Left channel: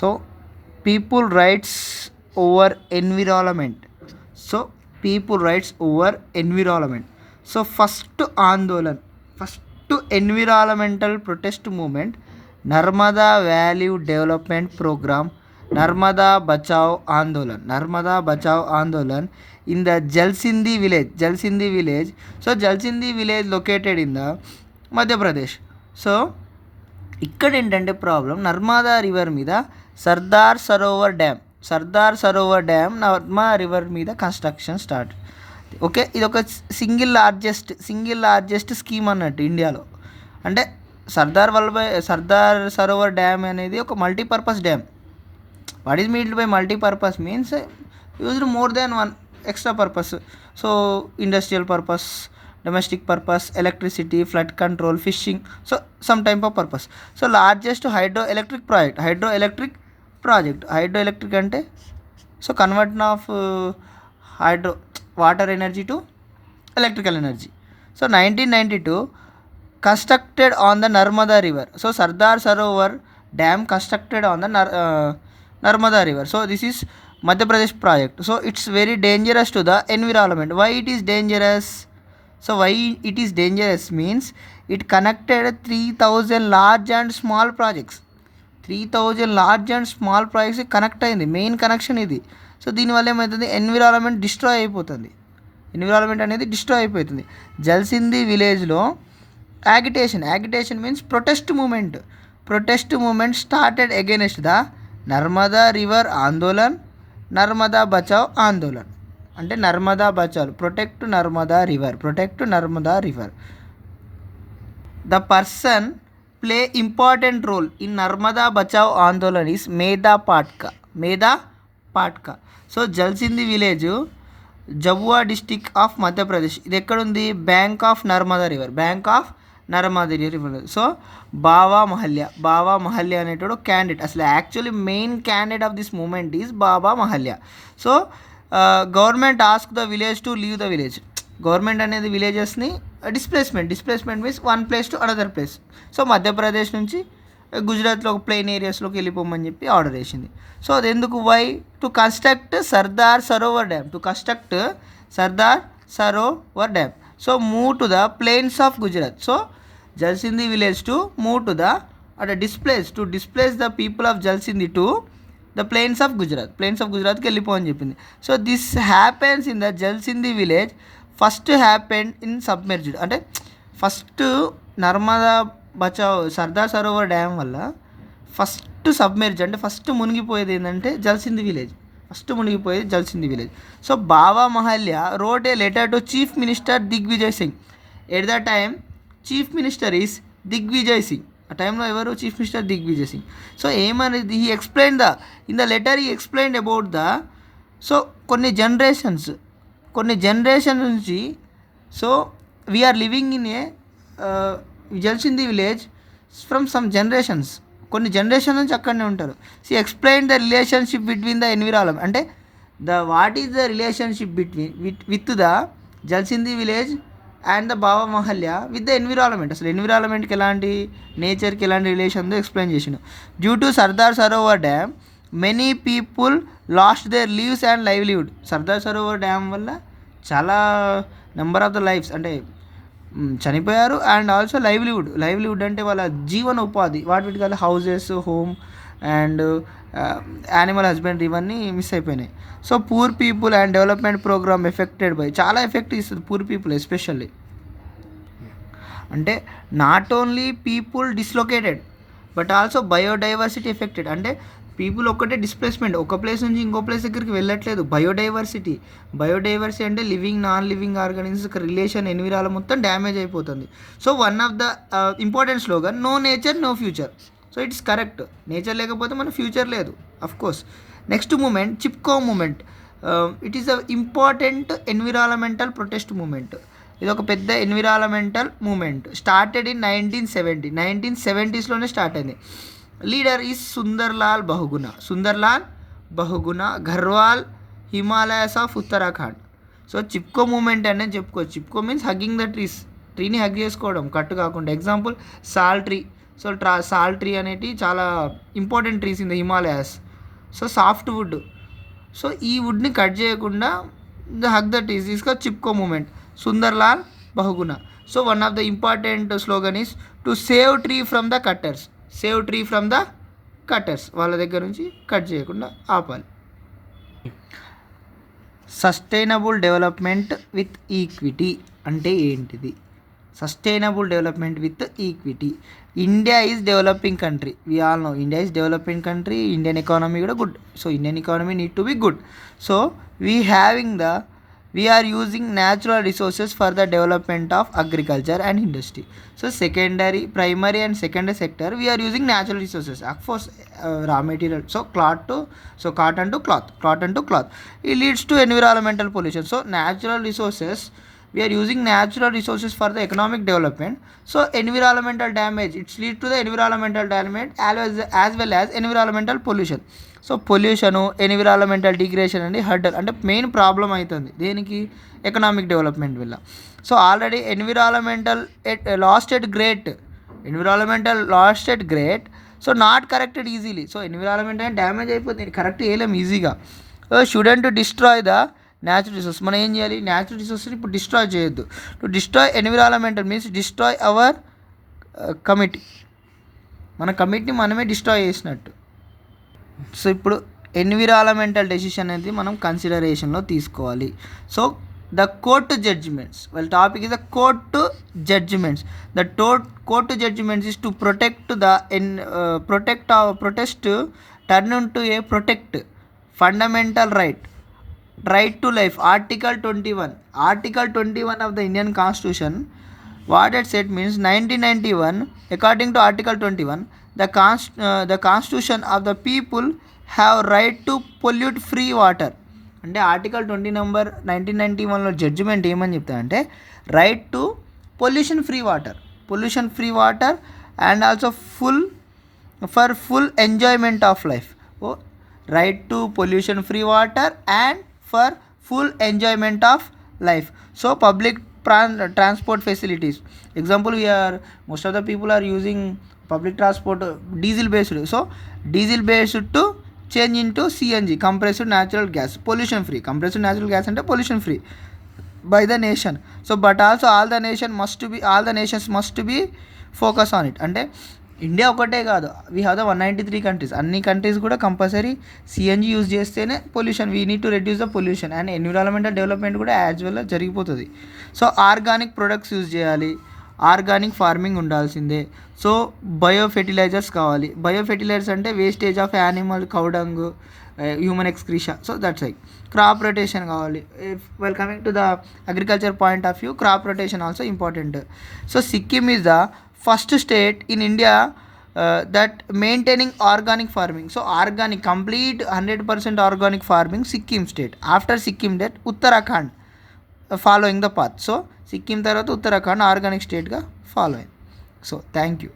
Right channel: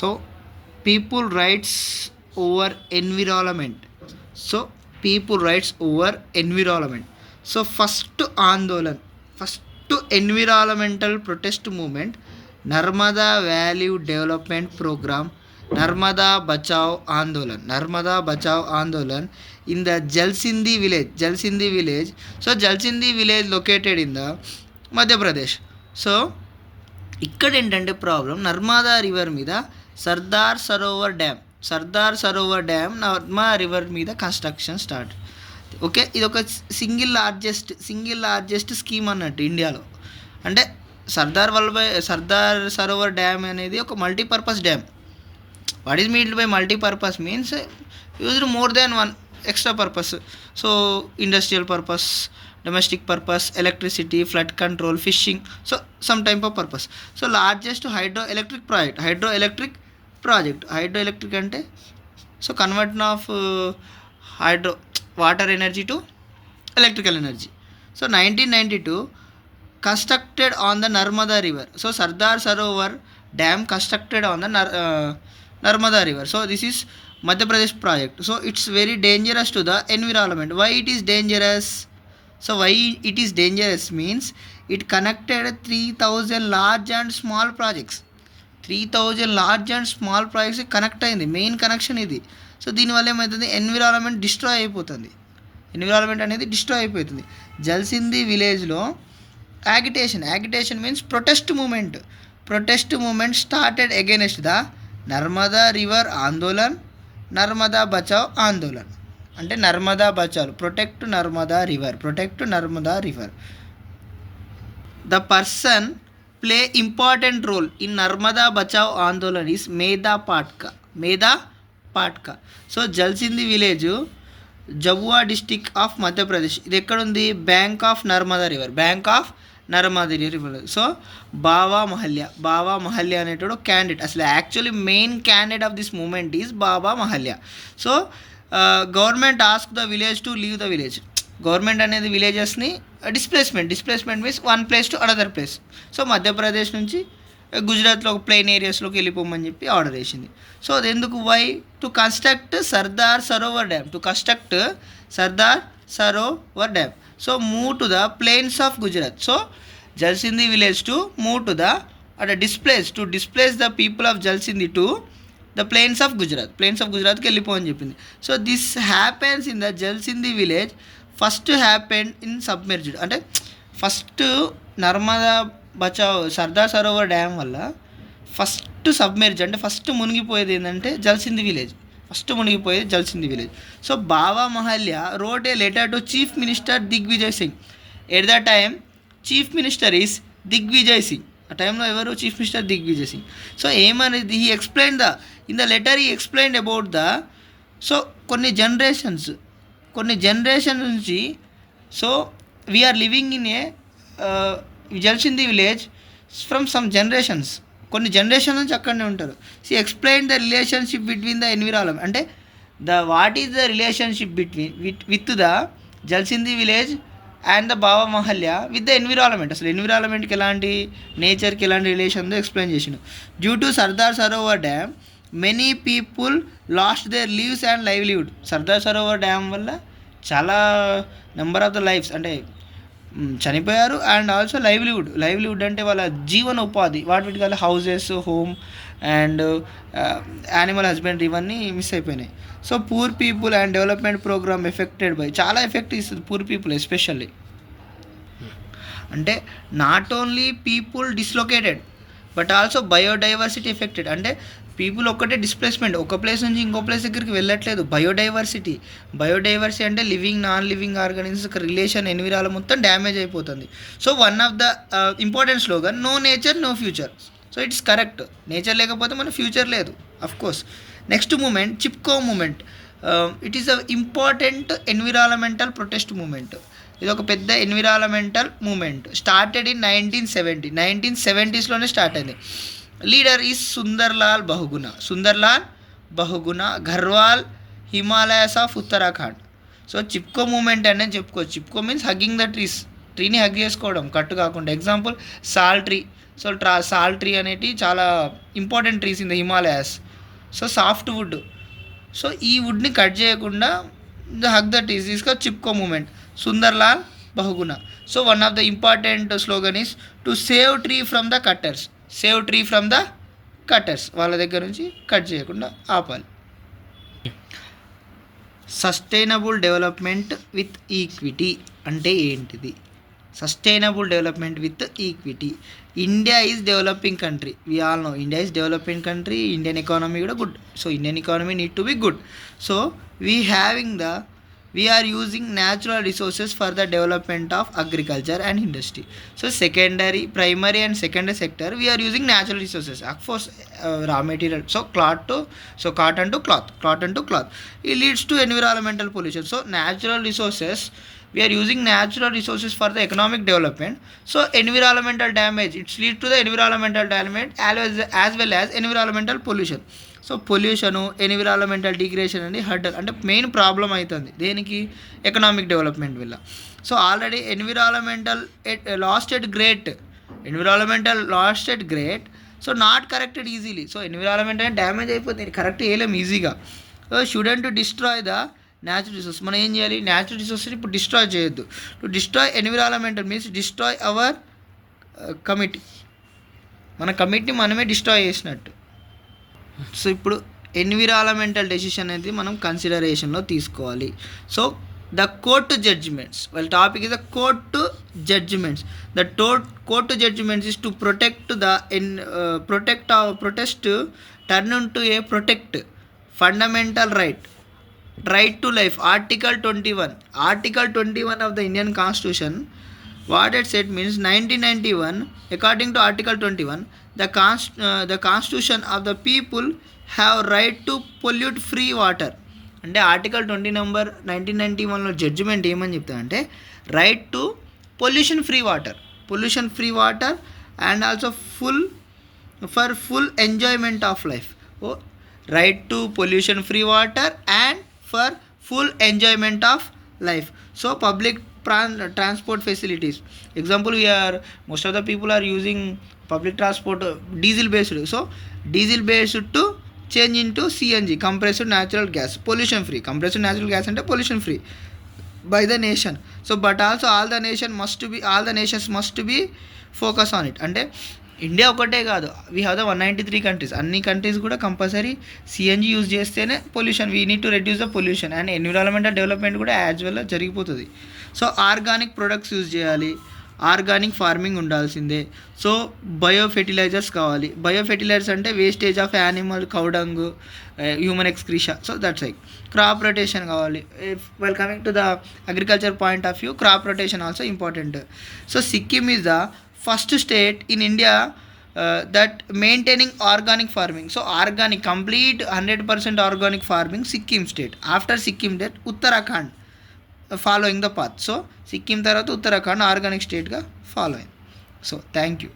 So people rights over environment. So people rights over environment. So first Andolan, first environmental protest moment Narmada valley development programme, Narmada Bachao Andolan, Narmada Bachao Andolan in the Jalsindhi village, జల్సింది village. So Jalsindhi village located in the Madhya Pradesh. So ఇక్కడ ఏంటంటే problem, Narmada river మీద Sardar Sarovar dam, Sardar Sarovar dam Narmada river మీద construction start. Okay, ఇది ఒక single largest scheme అన్నట్టు ఇండియాలో. అంటే Sardar Sarovar dam అనేది ఒక multipurpose dam. What is meant by multipurpose means used more than one extra purpose. So industrial purpose, domestic purpose, electricity, flood control, fishing, so some type of purpose. So largest hydroelectric project, hydroelectric ante so conversion of hydro water energy to electrical energy. So 1992 constructed on the Narmada river. So Sardar Sarovar dam constructed on the Narmada river. So this is Madhya Pradesh project. So it's very dangerous to the environment. Why it is dangerous? So why it is dangerous means it connected 3000 large and small projects. 3000 large and small projects connect అయింది, main connection ఇది. So దీనివల్ల ఏమవుతుంది, environment destroy అయిపోతుంది, environment అనేది destroy అయిపోతుంది. జల్సింది విలేజ్లో యాగిటేషన్ means protest moment started against the Narmada river Andolan, Narmada Bachao Andolan. అంటే Narmada Bachao, protect Narmada river. The person play important role in Narmada Bachao Andolan is మేధా పాట్కా. So Jalsindhi village Jhabua district of Madhya Pradesh. ఇది ఎక్కడుంది, bank of Narmada river. So Bava మహల్య అనేటోడు క్యాండిడేట్, అసలు actually main candidate of this moment is బావా మహల్య. So government ask the village to leave the village. Government అనేది విలేజెస్ని displacement means one place to another place. So Madhya Pradesh నుంచి గుజరాత్లో ఒక plain ఏరియాస్లోకి వెళ్ళిపోమని చెప్పి order వేసింది. సో అది ఎందుకు, why to construct Sardar Sarovar dam. So move to the plains of Gujarat. So Jalsindhi village to move to the displace the people of Jalsindhi to the plains of గుజరాత్కి వెళ్ళిపోవని చెప్పింది. So this happens in the Jalsindhi village. First happened in submerged, అంటే first Narmada Bachao Sardar Sarovar dam వల్ల first submerge అంటే first మునిగిపోయేది ఏంటంటే Jalsindhi village. So Bava Mahalya wrote a letter to chief minister Digvijay Singh. At the time chief minister is Digvijay Singh. ఆ టైంలో ఎవరు chief minister, Digvijay Singh. So ఏమనేది, he explain in the letter he explain about the, so కొన్ని generation నుంచి, so we are living in a Jalsindhi village from some generations, కొన్ని generation నుంచి అక్కడనే ఉంటారు. She explain the relationship between the environment, అంటే what is the relationship with the Jalsindhi village and the Bava Mahalya with the environment. అసలు ఎన్విరాన్మెంట్కి ఎలాంటి, నేచర్కి ఎలాంటి రిలేషన్ ఉందో ఎక్స్ప్లెయిన్ చేసిండు. Due to Sardar Sarovar dam many people lost their lives and livelihood. Sardar Sarovar dam వల్ల చాలా number of the lifes అంటే చనిపోయారు, అండ్ ఆల్సో లైవ్లీవుడ్ అంటే వాళ్ళ జీవన ఉపాధి, వాటి కాదు houses, home and animal husbandry, ఇవన్నీ మిస్ అయిపోయినాయి. So poor people and development programme affected by, చాలా ఎఫెక్ట్ ఇస్తుంది పూర్ పీపుల్ ఎస్పెషల్లీ. అంటే not only people dislocated but also biodiversity affected. అంటే పీపుల్ ఒక్కటే డిస్ప్లేస్మెంట్, ఒక ప్లేస్ నుంచి ఇంకో ప్లేస్ దగ్గరికి వెళ్ళట్లేదు. బయోడైవర్సిటీ అంటే living non living organisms relation, environment మొత్తం డ్యామేజ్ అయిపోతుంది. So one of the important slogan, no nature no future. So it's correct, nature లేకపోతే మన ఫ్యూచర్ లేదు of course. Next movement Chipko movement. It is a important environmental protest movement. ఇది ఒక పెద్ద environmental movement. Started in 1970s start అయింది. Leader is Sunderlal Bahuguna, Garhwal, Himalayas of Uttarakhand. So Chipko movement అనేది చెప్పుకోవచ్చు. Chipko means hugging the ట్రీని హగ్ చేసుకోవడం, కట్టు కాకుండా. ఎగ్జాంపుల్ సాల్ సో సాల్ ట్రీ అనేటి చాలా important trees in the Himalayas. So soft wood. So ఈ వుడ్ని కట్ చేయకుండా hug the trees is Chipko movement. Sunderlal Bahuguna. So one of the important slogan is to save tree from the cutters. Save tree from the cutters, వాళ్ళ దగ్గర నుంచి cut చేయకుండా ఆపాలి. Sustainable development with equity అంటే ఏంటిది? Sustainable development with equity. India is developing country. We all know India is developing country. Indian economy కూడా good. So Indian economy need to be good. So we are using natural resources for the development of agriculture and industry. So primary and secondary sector, we are using natural resources. Of course, raw material. So cotton to cloth. It leads to environmental pollution. So natural resources, we are using natural resources for the economic development. So environmental damage, it leads to the environmental damage as well as environmental pollution. So pollution, environmental degradation అనేది hurdle అంటే main problem అవుతుంది దేనికి? Economic development వల్ల. So already environmental last at great. So not corrected easily. So environment అనేది damage అయిపోతుంది, correct చేయలేము ఈజీగా. Student to destroy the natural resource. మనం ఏం చేయాలి? న్యాచురల్ రిసోర్స్ని ఇప్పుడు డిస్ట్రాయ్ చేయొద్దు. To destroy environmental means destroy hour committee. మన కమిటీని మనమే డిస్ట్రాయ్ చేసినట్టు. సో ఇప్పుడు ఎన్విరాన్మెంటల్ డెసిషన్ అనేది మనం కన్సిడరేషన్లో తీసుకోవాలి. సో ద కోర్టు జడ్జిమెంట్స్, వాళ్ళ topic is the court judgements. The court judgements is to protest turn into a protect fundamental right to life. Article 21 of the Indian Constitution, what it said means 1991, according to Article 21, the Constitution of the people have right to pollute free water. అంటే article 20 number 1991లో judgement ఏమని చెప్తారంటే right to pollution free water and also full enjoyment of life. Right to pollution free water and for full enjoyment of life. So public transport facilities. Example, most of the people are using public transport diesel based. So diesel based to change into CNG, compressed natural gas, pollution free. Compressed natural gas and pollution free by the nation. So but also all the nations must be focus on it. అంటే ఇండియా ఒకటే కాదు, we have the 193 countries. అన్ని countries కూడా compulsory CNG use చేస్తేనే pollution, we need to reduce the pollution and environmental development కూడా as well జరిగిపోతుంది. So organic products use చేయాలి, ఆర్గానిక్ ఫార్మింగ్ ఉండాల్సిందే. సో బయో ఫెర్టిలైజర్స్ కావాలి. బయో ఫెర్టిలైజర్స్ అంటే wastage of animal, cow dung, human excreta. So that's like crop rotation కావాలి. Well coming to the agriculture point of view, crop rotation also important. So Sikkim is the first state in India that maintaining organic farming. So organic, complete 100% organic farming, Sikkim state. After Sikkim that Uttarakhand following the path. So Sikkim tarvata Uttarakhand organic state ga following. So thank you.